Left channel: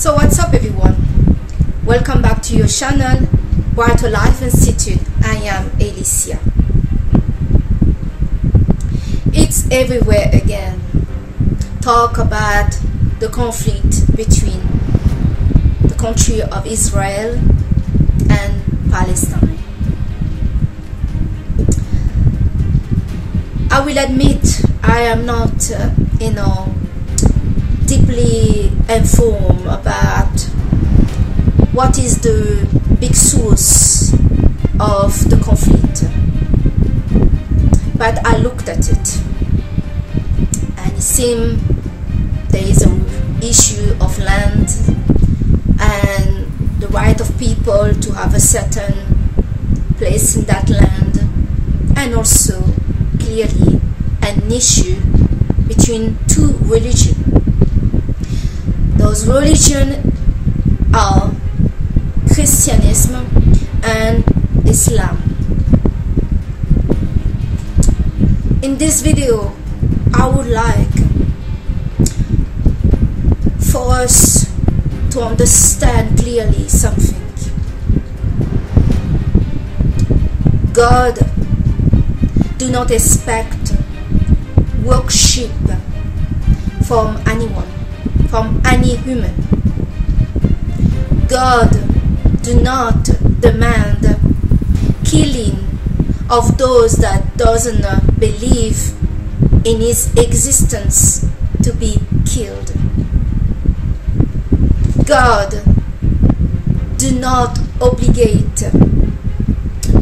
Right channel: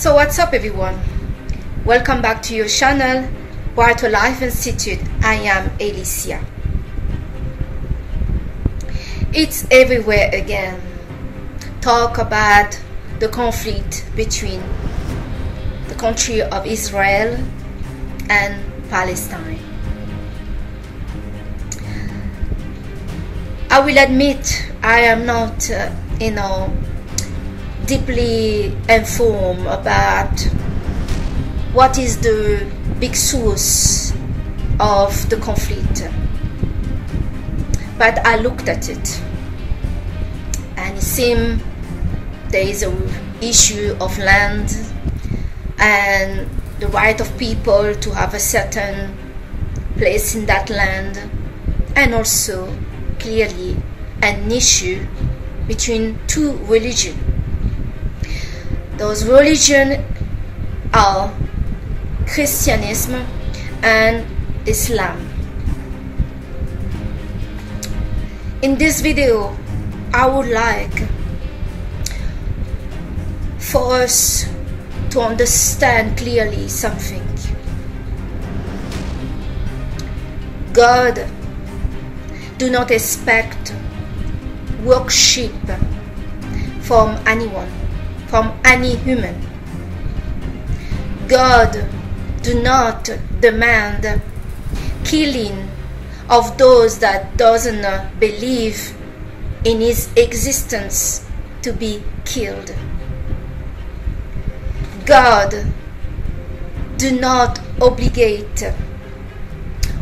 So what's up everyone? Welcome back to your channel, Brighter Life Institute. I am Alicia. It's everywhere again. Talk about the conflict between the country of Israel and Palestine. I will admit I am not, deeply informed about what is the big source of the conflict. But I looked at it and it seemed there is an issue of land and the right of people to have a certain place in that land, and also clearly an issue between two religions. Those religions are Christianism and Islam. In this video, I would like for us to understand clearly something. God do not expect worship from anyone, from any human. God do not demand killing of those that doesn't believe in his existence to be killed. God do not obligate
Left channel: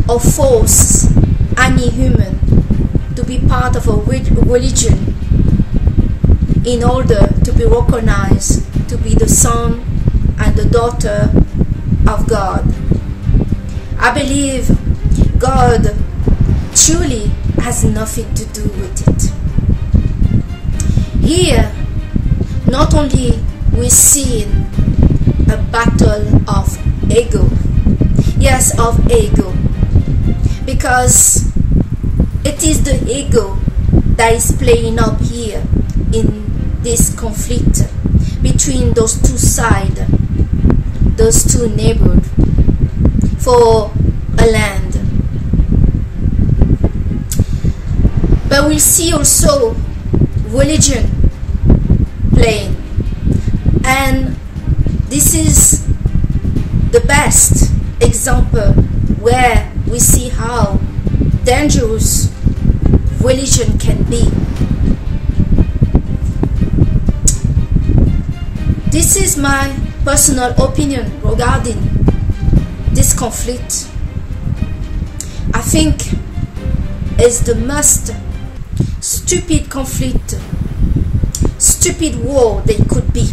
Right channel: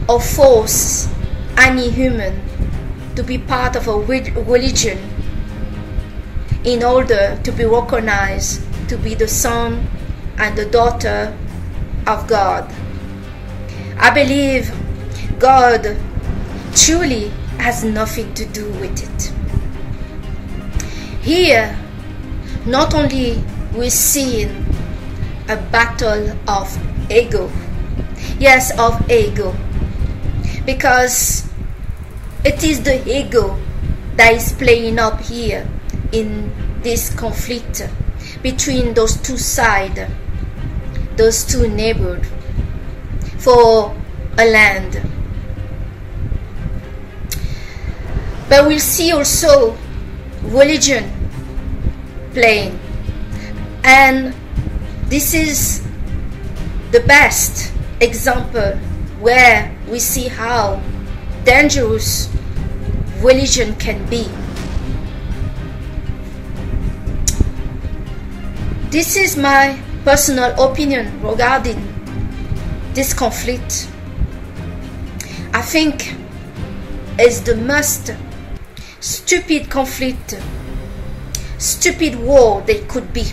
or force any human to be part of a religion in order to be recognized to be the son and the daughter of God. I believe God truly has nothing to do with it. Here, not only we see a battle of ego, yes, of ego, because it is the ego that is playing up here in this conflict between those two sides, those two neighbors, for a land. But we'll see also religion playing, and this is the best example where we see how dangerous religion can be. This is my personal opinion regarding this conflict. I think it's the most stupid conflict, stupid war they could be,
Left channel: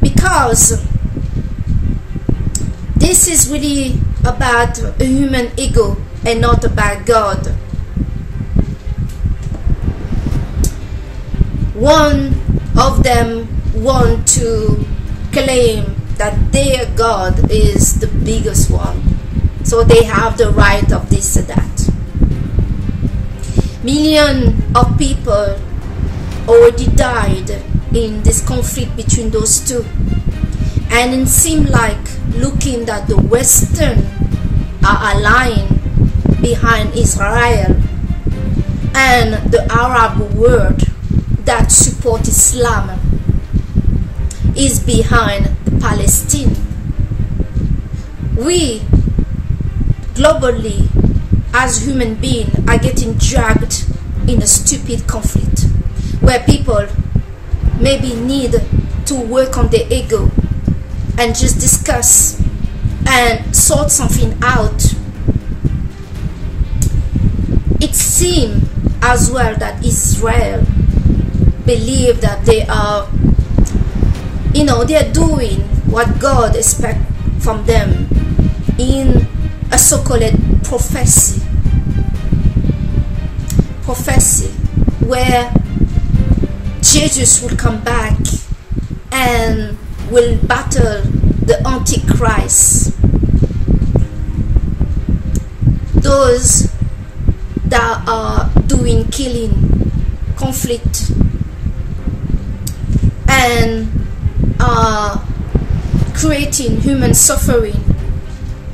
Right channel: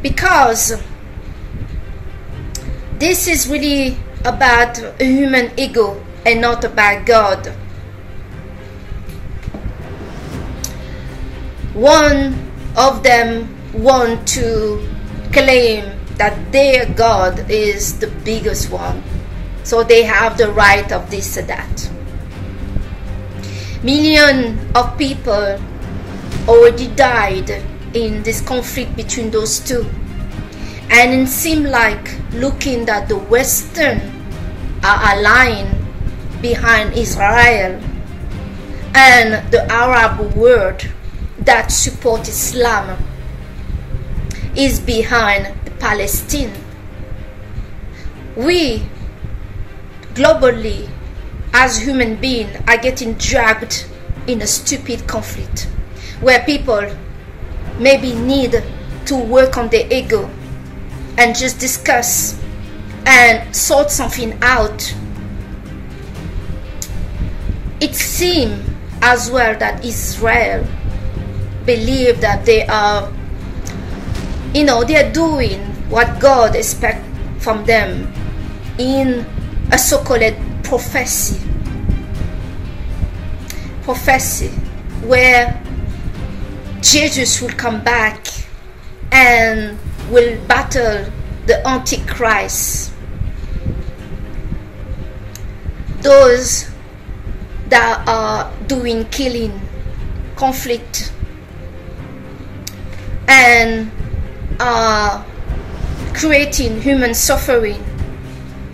because this is really about a human ego and not about God. One of them want to claim that their God is the biggest one, so they have the right of this or that. Millions of people already died in this conflict between those two, and it seems like looking that the Western are aligned behind Israel, and the Arab world that support Islam is behind Palestine. We globally as human beings are getting dragged in a stupid conflict where people maybe need to work on their ego and just discuss and sort something out. It seems as well that Israel believe that they are, they are doing what God expects from them in a so-called prophecy where Jesus will come back and will battle the Antichrist. Those that are doing killing, conflict, and creating human suffering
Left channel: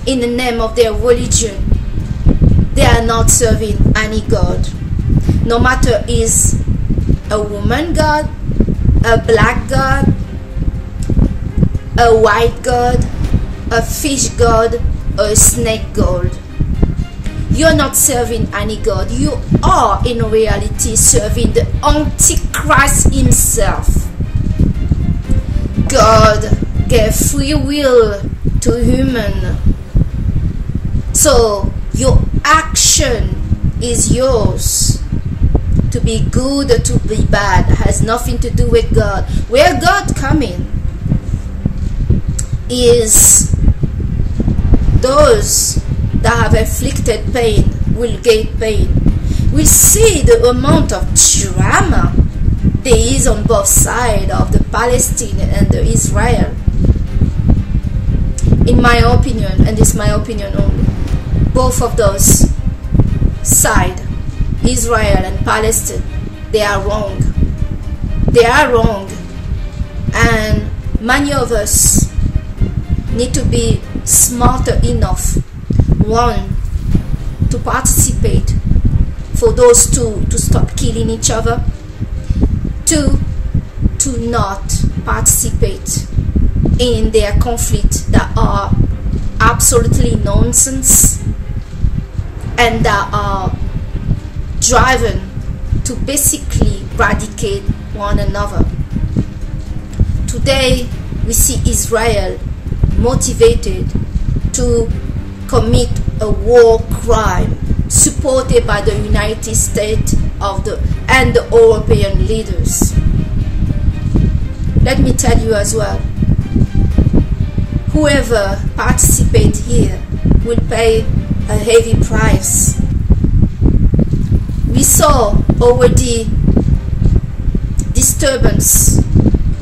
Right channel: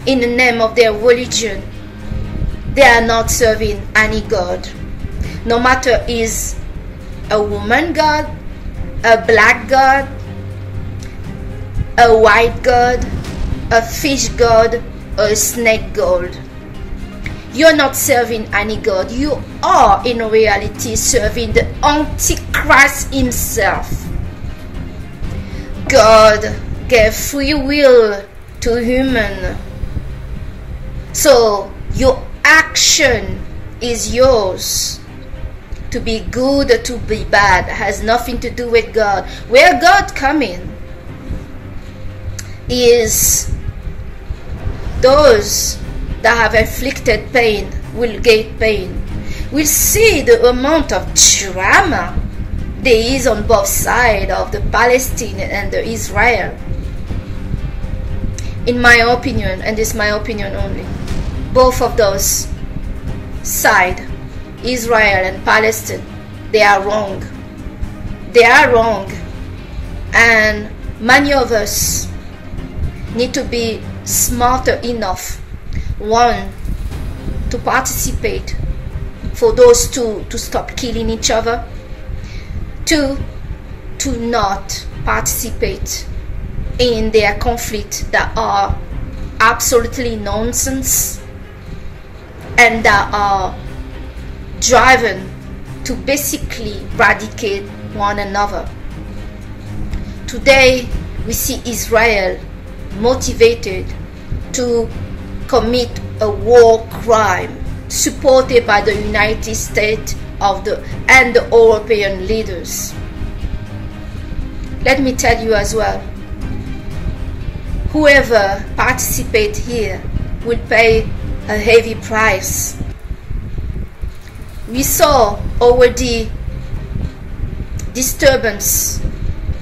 in the name of their religion, they are not serving any God. No matter is a woman God, a black God, a white God, a fish God, or a snake God. You're not serving any God. You are in reality serving the Antichrist himself. God gave free will to human. So your action is yours. To be good or to be bad has nothing to do with God. Where God comes in is those that have inflicted pain will get pain. We'll see the amount of drama there is on both sides of the Palestinian and the Israel. In my opinion, and this is my opinion only, both of those sides, Israel and Palestine, they are wrong. They are wrong. And many of us need to be smarter enough, one, to participate for those two to stop killing each other, two, to not participate in their conflict that are absolutely nonsense and that are driven to basically eradicate one another. Today we see Israel motivated to commit a war crime supported by the United States and the European leaders. Let me tell you as well, whoever participates here will pay a heavy price. We saw already disturbance,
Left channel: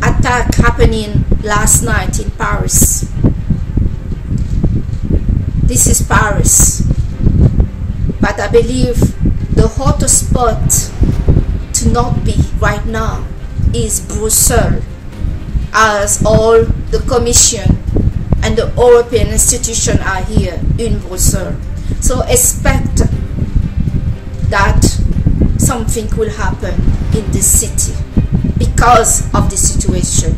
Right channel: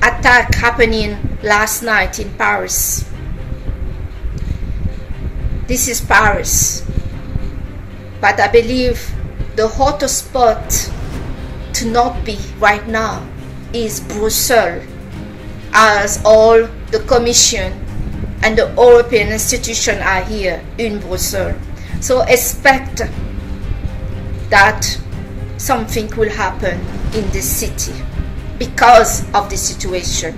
attack happening last night in Paris. This is Paris, but I believe the hottest spot to not be right now is Brussels, as all the Commission and the European institutions are here in Brussels. So expect that something will happen in this city because of the situation.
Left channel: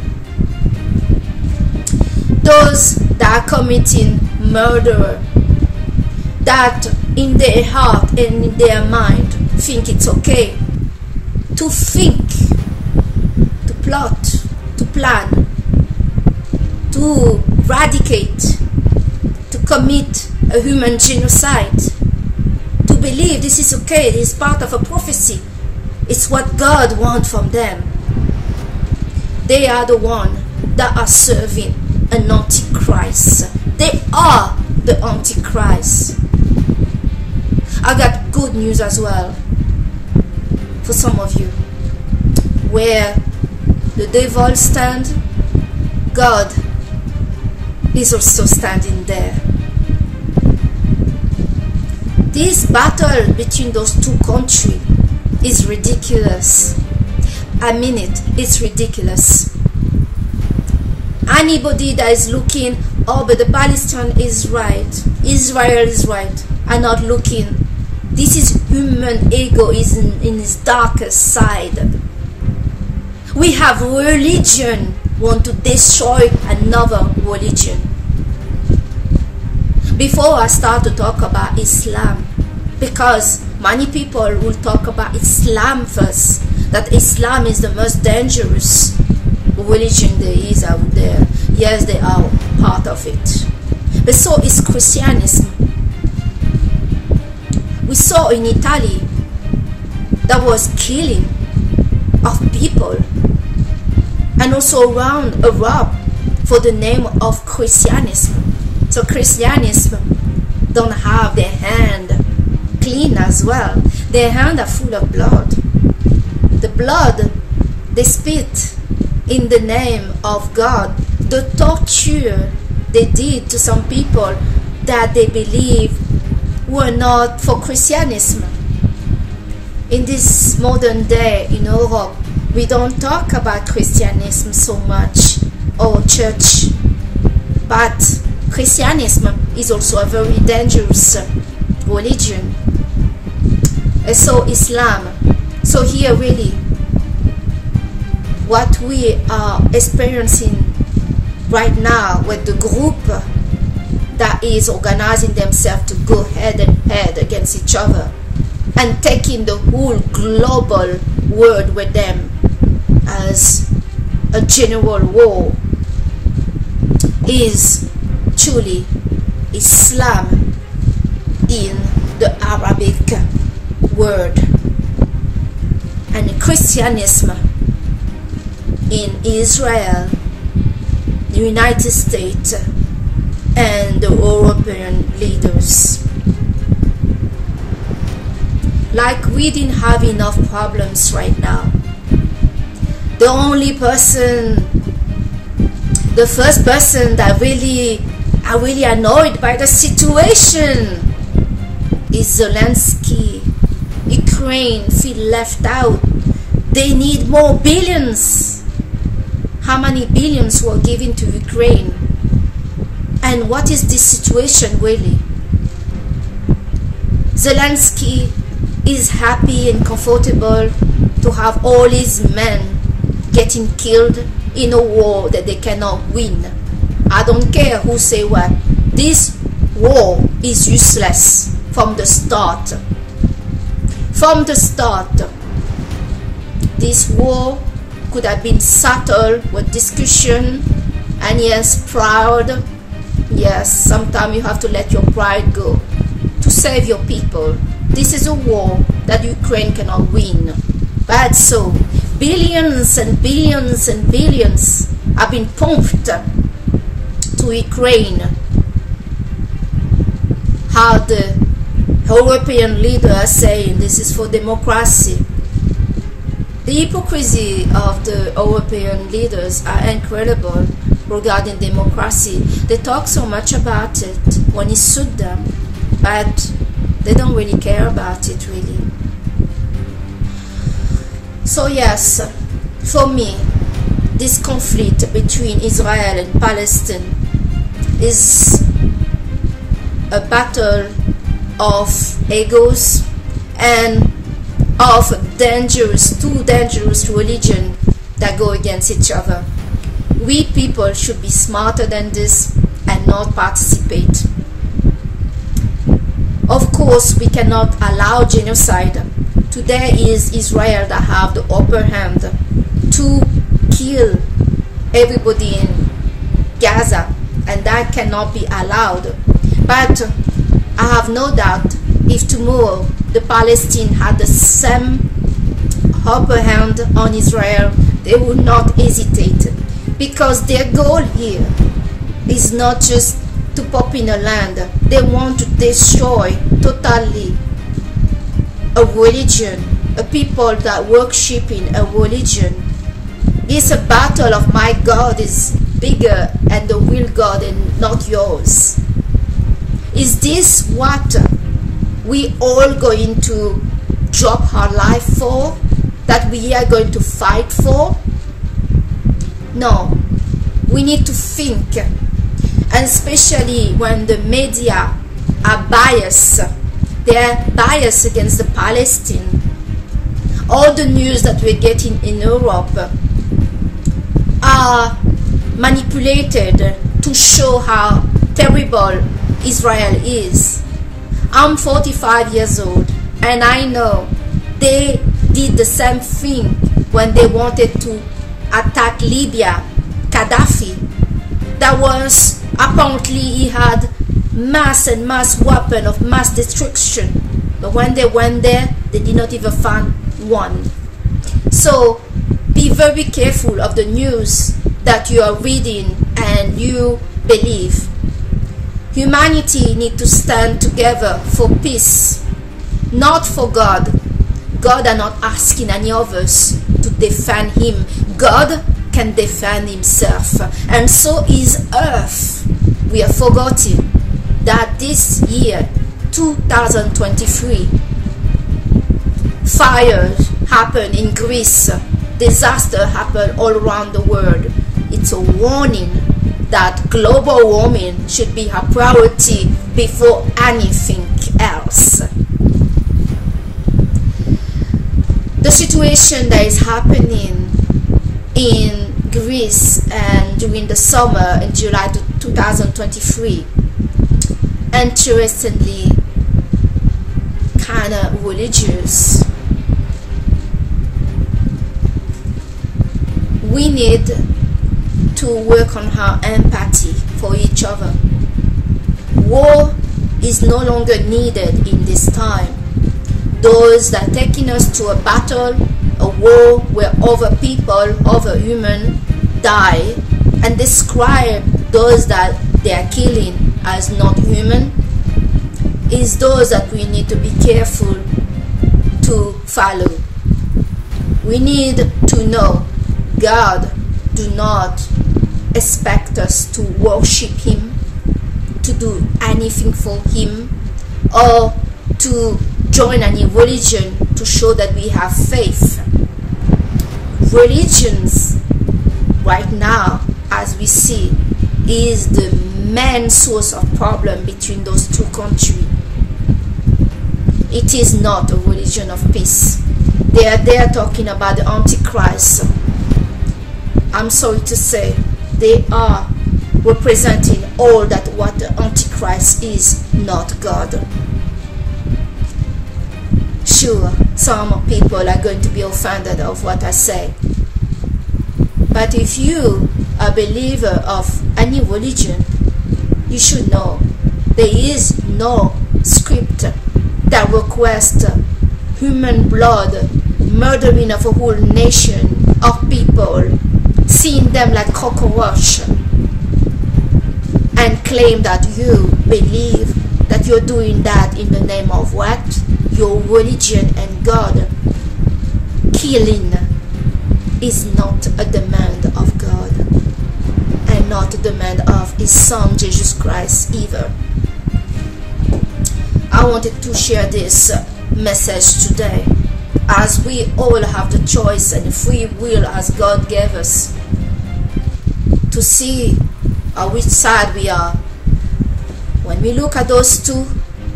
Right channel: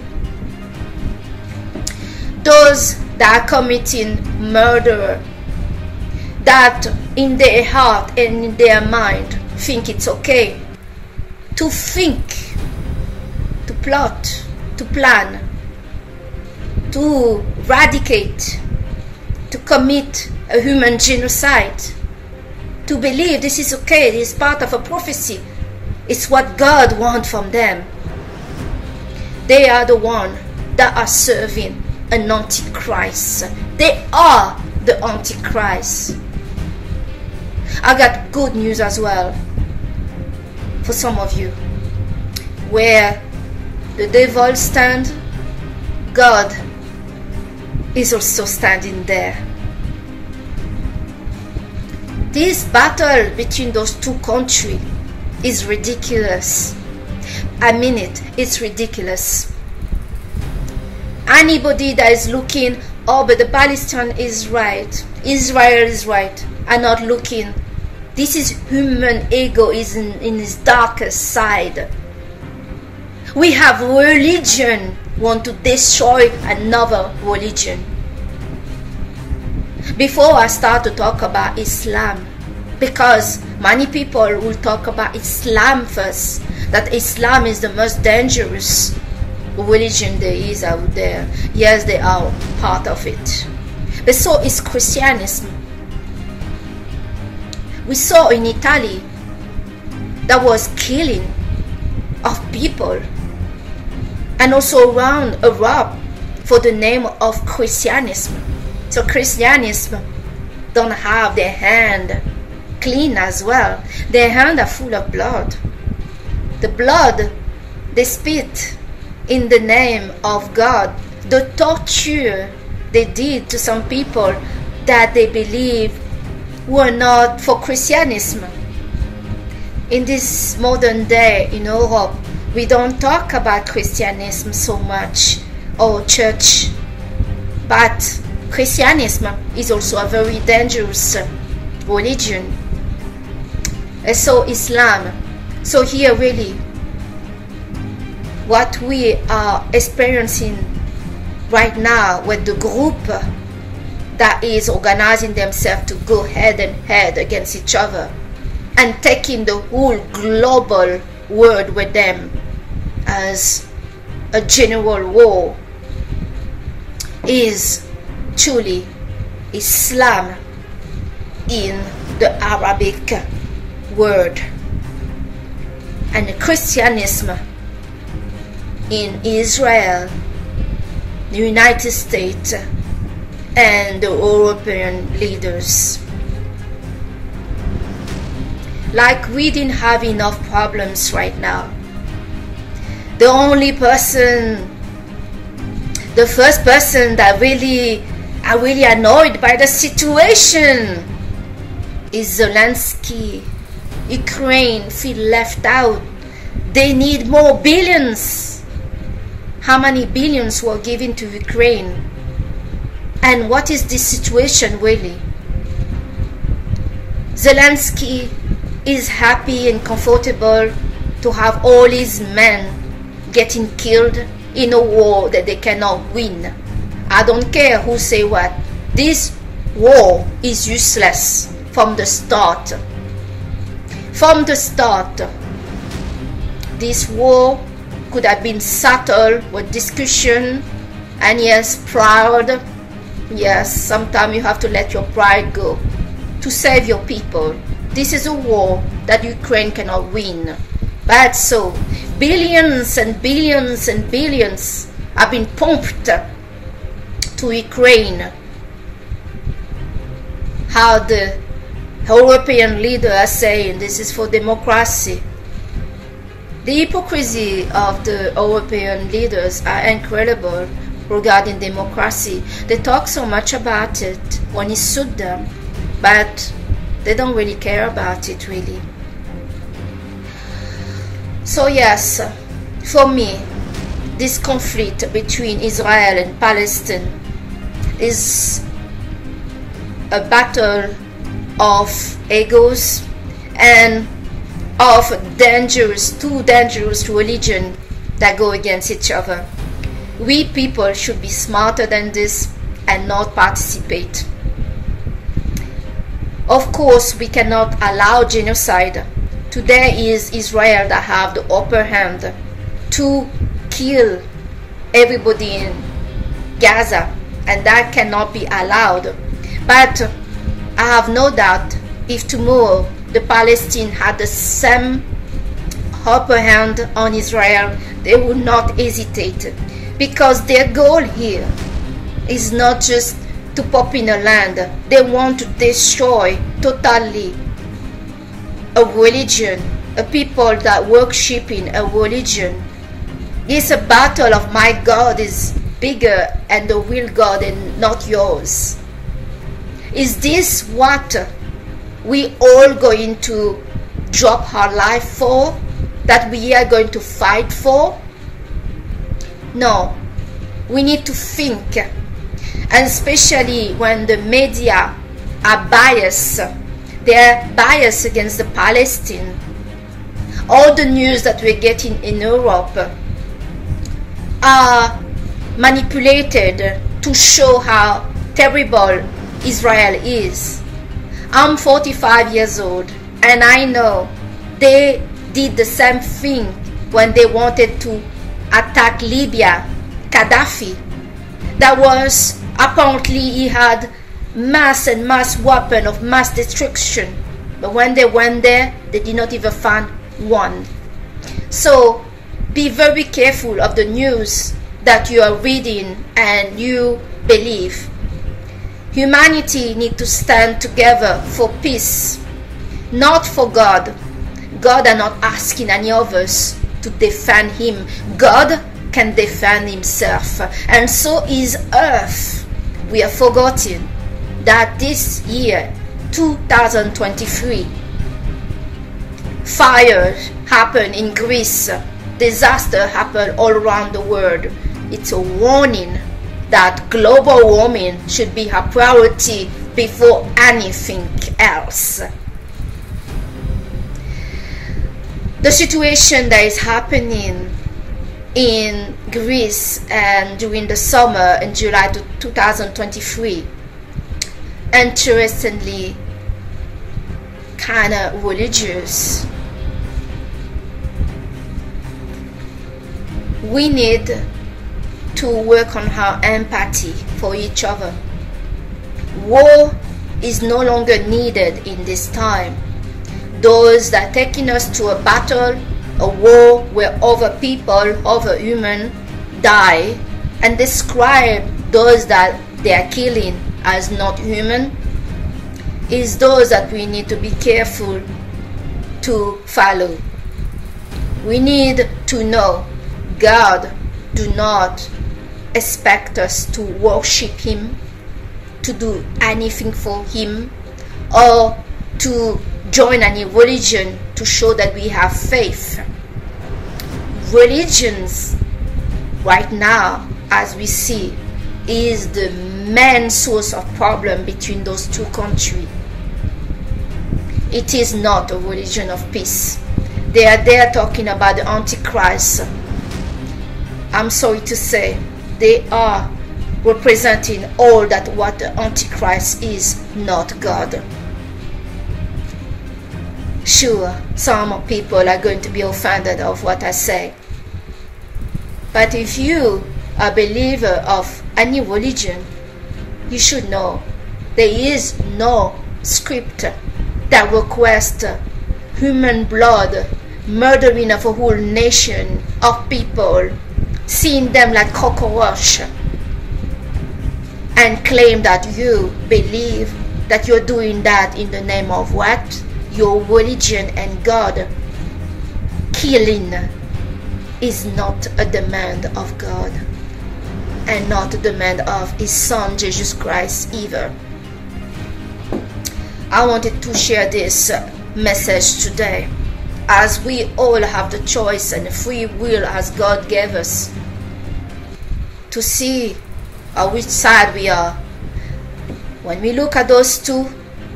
Those that are committing murder, that in their heart and in their mind think it's okay to think, to plot, to plan, to eradicate, to commit a human genocide, to believe this is okay, this is part of a prophecy, it's what God wants from them. They are the ones that are serving an Antichrist. They are the Antichrist. I got good news as well for some of you. Where the devil stands, God is also standing there. This battle between those two countries is ridiculous. I mean it, it's ridiculous. Anybody that is looking, oh, but the Palestine is right, Israel is right, are not looking. This is human ego is in its darkest side. We have religion want to destroy another religion. Before I start to talk about Islam, because many people will talk about Islam first, that Islam is the most dangerous religion there is out there. Yes, they are part of it. But so is Christianism. We saw in Italy that was killing of people, and also around Europe for the name of Christianism. So Christianism don't have their hand clean as well. Their hands are full of blood. The blood they spit in the name of God. The torture they did to some people that they believe were not for Christianism. In this modern day in Europe, we don't talk about Christianism so much or church, but Christianism is also a very dangerous religion, and so Islam. So here really what we are experiencing right now with the group that is organizing themselves to go head and head against each other and taking the whole global world with them as a general war is truly Islam in the Arabic world and Christianism in Israel, the United States, and the European leaders. Like we didn't have enough problems right now. The first person that are really annoyed by the situation is Zelensky. Ukraine feel left out. They need more billions. How many billions were given to Ukraine? And what is this situation really? Zelensky is happy and comfortable to have all his men getting killed in a war that they cannot win. I don't care who say what. This war is useless from the start. From the start, this war could have been settled with discussion, and yes, proud. Yes, sometimes you have to let your pride go to save your people. This is a war that Ukraine cannot win. But so, billions and billions and billions have been pumped to Ukraine. How the European leaders are saying this is for democracy. The hypocrisy of the European leaders are incredible regarding democracy. They talk so much about it when it suits them, but they don't really care about it really. So yes, for me, this conflict between Israel and Palestine is a battle of egos and of two dangerous religions that go against each other. We people should be smarter than this and not participate. Of course, we cannot allow genocide. Today is Israel that have the upper hand to kill everybody in Gaza, and that cannot be allowed. But I have no doubt if tomorrow the Palestinians had the same upper hand on Israel, they would not hesitate, because their goal here is not just to pop in a land. They want to destroy totally a religion, a people that worship in a religion. It's a battle of my God is bigger and the real God and not yours. Is this what we all going to drop our life for? That we are going to fight for? No. We need to think. And especially when the media are biased. They are biased against the Palestinians. All the news that we're getting in Europe are manipulated to show how terrible Israel is. I'm 45 years old, and I know they did the same thing when they wanted to attack Libya, Gaddafi. That was apparently he had mass and mass weapon of mass destruction, but when they went there, they did not even find one. So be very careful of the news that you are reading and you believe. Humanity needs to stand together for peace, not for God. God are not asking any of us to defend him. God can defend himself, and so is earth. We are forgetting that this year 2023 fires happened in Greece disaster happen all around the world. It's a warning that global warming should be a priority before anything else. The situation that is happening in Greece and during the summer in July 2023, interestingly, kind of religious. We need to work on our empathy for each other. War is no longer needed in this time. Those that are taking us to a battle, a war where other people, other humans die, and describe those that they are killing as not human, is those that we need to be careful to follow. We need to know God do not expect us to worship Him, to do anything for Him, or to join any religion to show that we have faith. Religions right now, as we see, is the main source of problem between those two countries. It is not a religion of peace. They are there talking about the Antichrist. I'm sorry to say, they are representing all that what the Antichrist is, not God. Sure, some people are going to be offended of what I say. But if you are a believer of any religion, you should know there is no script that requests human blood, murdering of a whole nation of people, seeing them like cockroach, and claim that you believe that you're doing that in the name of what? Your religion and God. Killing is not a demand of God, and not a demand of His Son Jesus Christ either. I wanted to share this message today, as we all have the choice and free will as God gave us to see on which side we are. When we look at those two,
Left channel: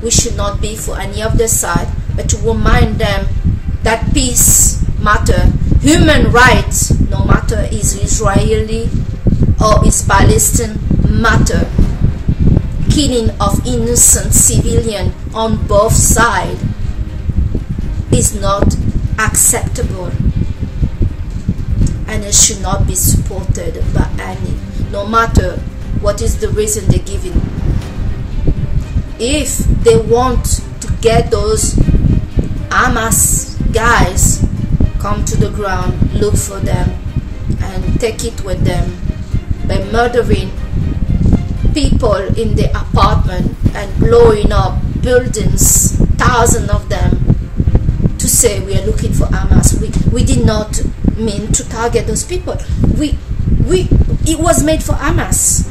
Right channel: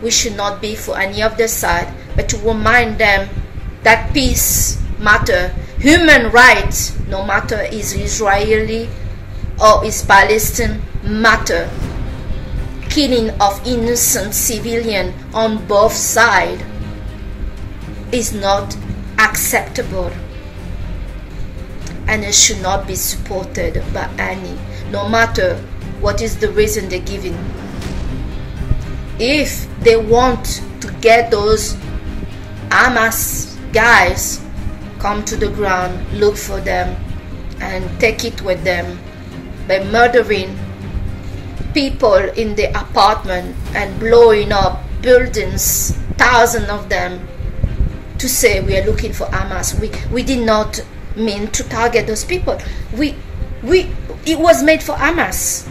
we should not be for any of their side, but to remind them that peace matter, human rights, no matter is Israeli or is Palestinian, matter. Killing of innocent civilians on both sides is not acceptable, and it should not be supported by any, no matter what is the reason they're giving. If they want to get those Hamas guys, come to the ground, look for them, and take it with them by murdering people in the apartment and blowing up buildings, thousands of them, to say we are looking for Hamas. We did not mean to target those people. It was made for Hamas,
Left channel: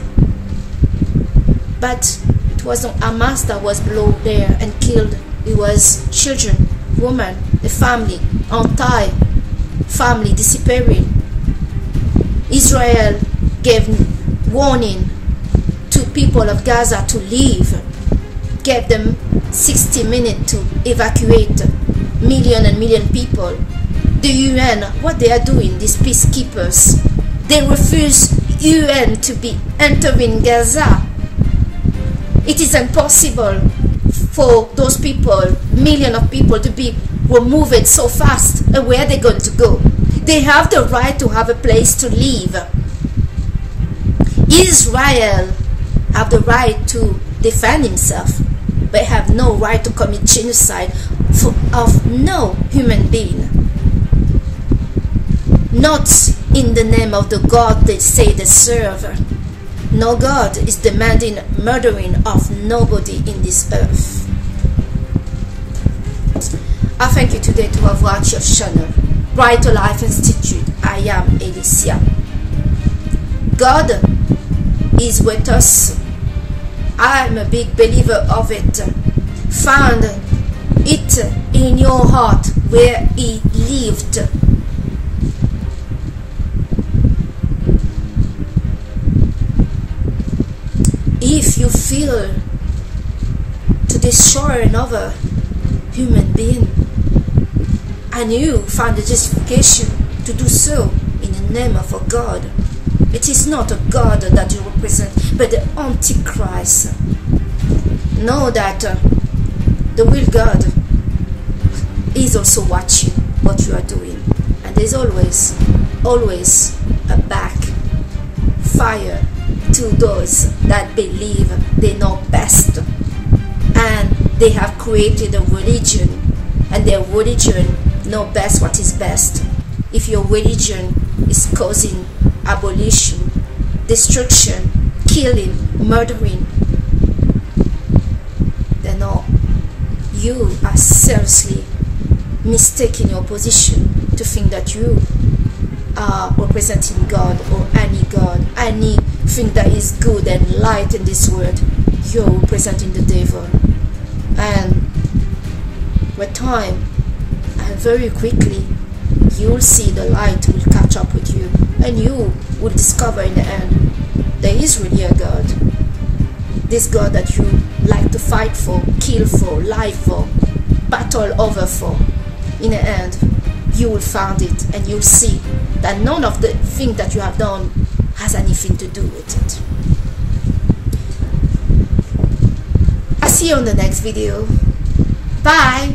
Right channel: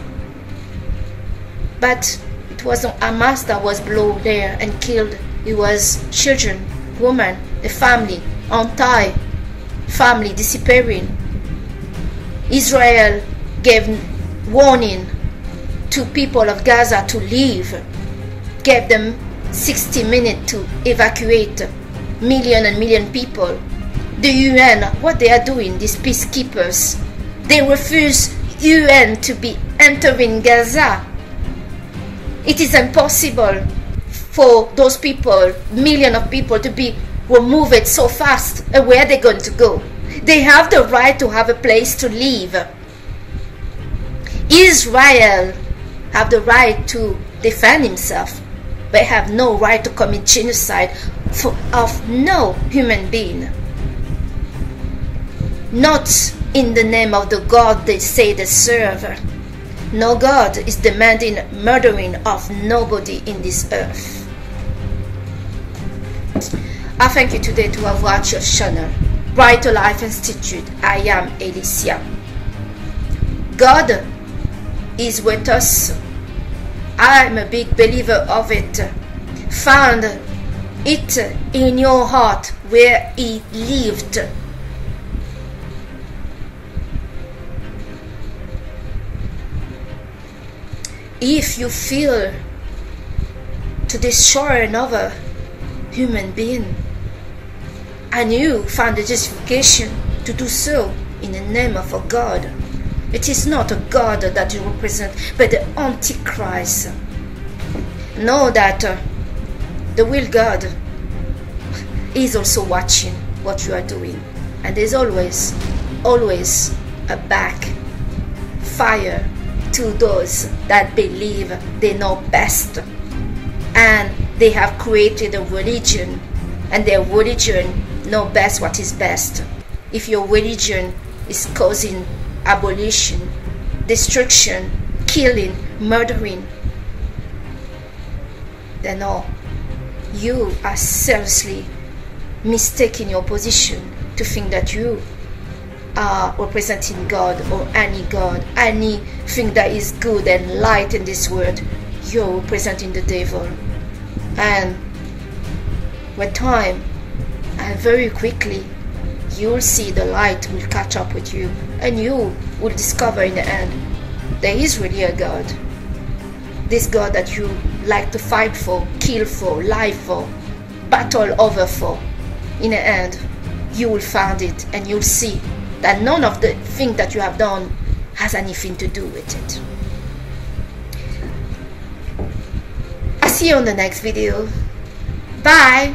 but it wasn't Hamas that was blown there and killed. It was children, women, the family, entire family disappearing. Israel gave warning to people of Gaza to leave, gave them 60 minutes to evacuate million and million people. The UN, what they are doing, these peacekeepers, they refuse UN to be entering Gaza. It is impossible for those people, millions of people, to be removed so fast. And where are they going to go? They have the right to have a place to live. Israel have the right to defend himself, but have no right to commit genocide of no human being. Not in the name of the God they say they serve. No God is demanding murdering of nobody in this earth. I thank you today to have watched your channel, Brighter Life Institute. I am Alicia. God is with us. I'm a big believer of it. Find it in your heart where He lived. if you feel to destroy another human being, and you find the justification to do so in the name of a God, it is not a God that you represent, but the Antichrist. Know that the real God is also watching what you are doing, and there's always a backfire to those that believe they know best, and they have created a religion, and their religion know best what is best. If your religion is causing abolition, destruction, killing, murdering, then no, you are seriously mistaking your position to think that you are representing God, or anything that is good and light in this world. You're representing the devil. And with time, and very quickly, you'll see the light will catch up with you, and you will discover in the end there is really a God. This God that you like to fight for, kill for, lie for, battle over for. In the end, you will find it, and you'll see that none of the things that you have done has anything to do with it. I'll see you on the next video. Bye!